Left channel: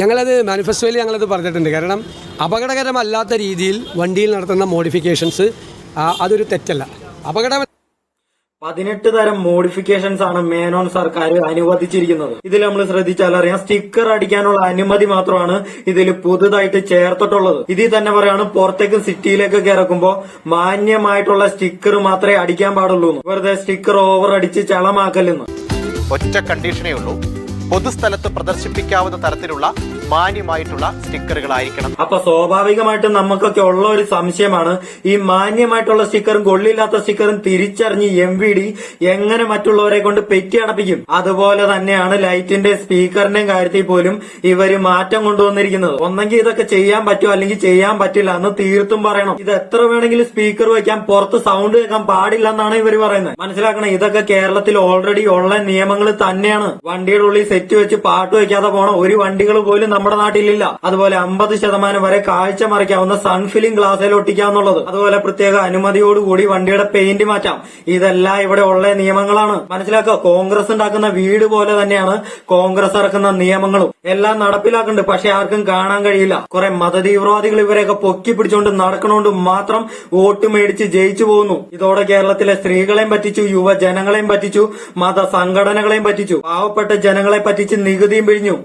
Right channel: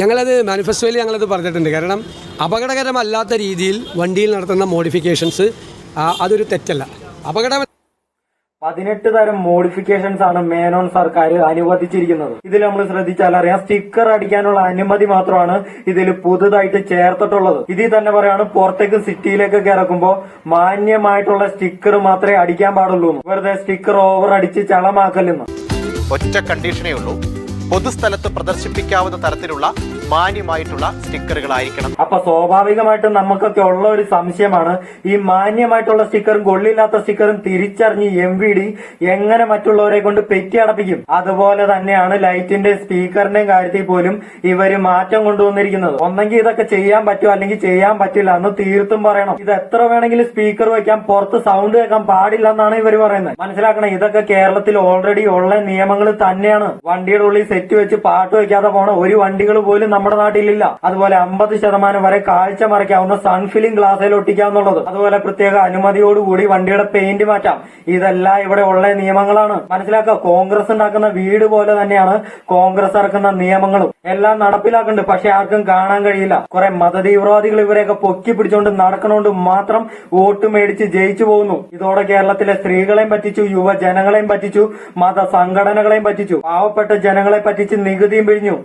ഞങ്ങളത് മാനിഫെസ്റ്റോയിൽ ഞങ്ങളത് പറഞ്ഞിട്ടുണ്ട്. കാരണം അപകടകരമല്ലാത്ത രീതിയിൽ വണ്ടിയിൽ നടത്തുന്ന മോഡിഫിക്കേഷൻസ് അതൊരു തെറ്റല്ല. 18 തരം മോഡിഫിക്കേഷൻസ് ആണ് മേനോൻ സർക്കാർ അനുവദിച്ചിരിക്കുന്നത്. ഇതിൽ നമ്മൾ ശ്രദ്ധിച്ചാൽ അറിയാം, സ്റ്റിക്കർ അടിക്കാനുള്ള അനുമതി മാത്രമാണ് ഇതിൽ പുതുതായിട്ട് ചേർത്തിട്ടുള്ളത്. ഇതിൽ തന്നെ പറയാണ് പുറത്തേക്ക് സിറ്റിയിലേക്കൊക്കെ ഇറക്കുമ്പോൾ മാന്യമായിട്ടുള്ള സ്റ്റിക്കർ മാത്രമേ അടിക്കാൻ പാടുള്ളൂ. വെറുതെ സ്റ്റിക്കർ ഓവർ അടിച്ച് ചളമാക്കല്ലെന്ന്. ഒറ്റ കണ്ടീഷനേ ഉള്ളൂ, പൊതുസ്ഥലത്ത് പ്രദർശിപ്പിക്കാവുന്ന തരത്തിലുള്ള മാന്യമായിട്ടുള്ള സ്റ്റിക്കറുകളായിരിക്കണം. അപ്പൊ സ്വാഭാവികമായിട്ടും നമുക്കൊക്കെ ഉള്ള ഒരു സംശയമാണ്, ഈ മാന്യമായിട്ടുള്ള സ്റ്റിക്കറും കൊള്ളില്ലാത്ത സ്റ്റിക്കറും തിരിച്ചറിഞ്ഞ് MVD എങ്ങനെ മറ്റുള്ളവരെ കൊണ്ട് പെറ്റി അടപ്പിക്കും? അതുപോലെ തന്നെയാണ് ലൈറ്റിന്റെ സ്പീക്കറിന്റെയും കാര്യത്തിൽ പോലും ഇവര് മാറ്റം കൊണ്ടുവന്നിരിക്കുന്നത്. ഒന്നെങ്കിൽ ഇതൊക്കെ ചെയ്യാൻ പറ്റുമോ അല്ലെങ്കിൽ ചെയ്യാൻ പറ്റില്ല എന്ന് തീർത്തും പറയണം. ഇത് എത്ര വേണമെങ്കിലും സ്പീക്കർ വയ്ക്കാം, പുറത്ത് സൗണ്ട് കേൾക്കാൻ പാടില്ല എന്നാണ് ഇവർ പറയുന്നത്. മനസ്സിലാക്കണം, ഇതൊക്കെ കേരളത്തിൽ ഓൾറെഡി ഉള്ള നിയമങ്ങൾ തന്നെയാണ്. വണ്ടിയുടെ ഉള്ളിൽ സെറ്റ് വെച്ച് പാട്ട് വയ്ക്കാതെ പോണ ഒരു വണ്ടികൾ പോലും നമ്മുടെ നാട്ടിലില്ല. അതുപോലെ 50% വരെ കാഴ്ച മറിക്കാവുന്ന സൺഫിലിംഗ് ഗ്ലാസ്സിൽ ഒട്ടിക്കാവുന്നുള്ളത്. അതുപോലെ പ്രത്യേക അനുമതിയോടുകൂടി വണ്ടിയുടെ പെയിന്റ് മാറ്റാം. ഇതെല്ലാം ഇവിടെ ഉള്ള നിയമങ്ങളാണ്. മനസ്സിലാക്കുക, കോൺഗ്രസ് ഉണ്ടാക്കുന്ന വീട് പോലെ തന്നെയാണ് കോൺഗ്രസ് ഇറക്കുന്ന നിയമങ്ങളും എല്ലാം നടപ്പിലാക്കുന്നുണ്ട്. പക്ഷെ ആർക്കും കാണാൻ കഴിയില്ല. കുറെ മതതീവ്രവാദികൾ ഇവരെയൊക്കെ പൊക്കി പിടിച്ചുകൊണ്ട് നടക്കണോണ്ട് മാത്രം വോട്ട് മേടിച്ച് ജയിച്ചു പോകുന്നു. ഇതോടെ കേരളത്തിലെ സ്ത്രീകളെയും പറ്റിച്ചു, യുവജനങ്ങളെയും പറ്റിച്ചു, മത സംഘടനകളെയും പറ്റിച്ചു, പാവപ്പെട്ട ജനങ്ങളെ പറ്റിച്ച് നികുതിയും പിഴിഞ്ഞു.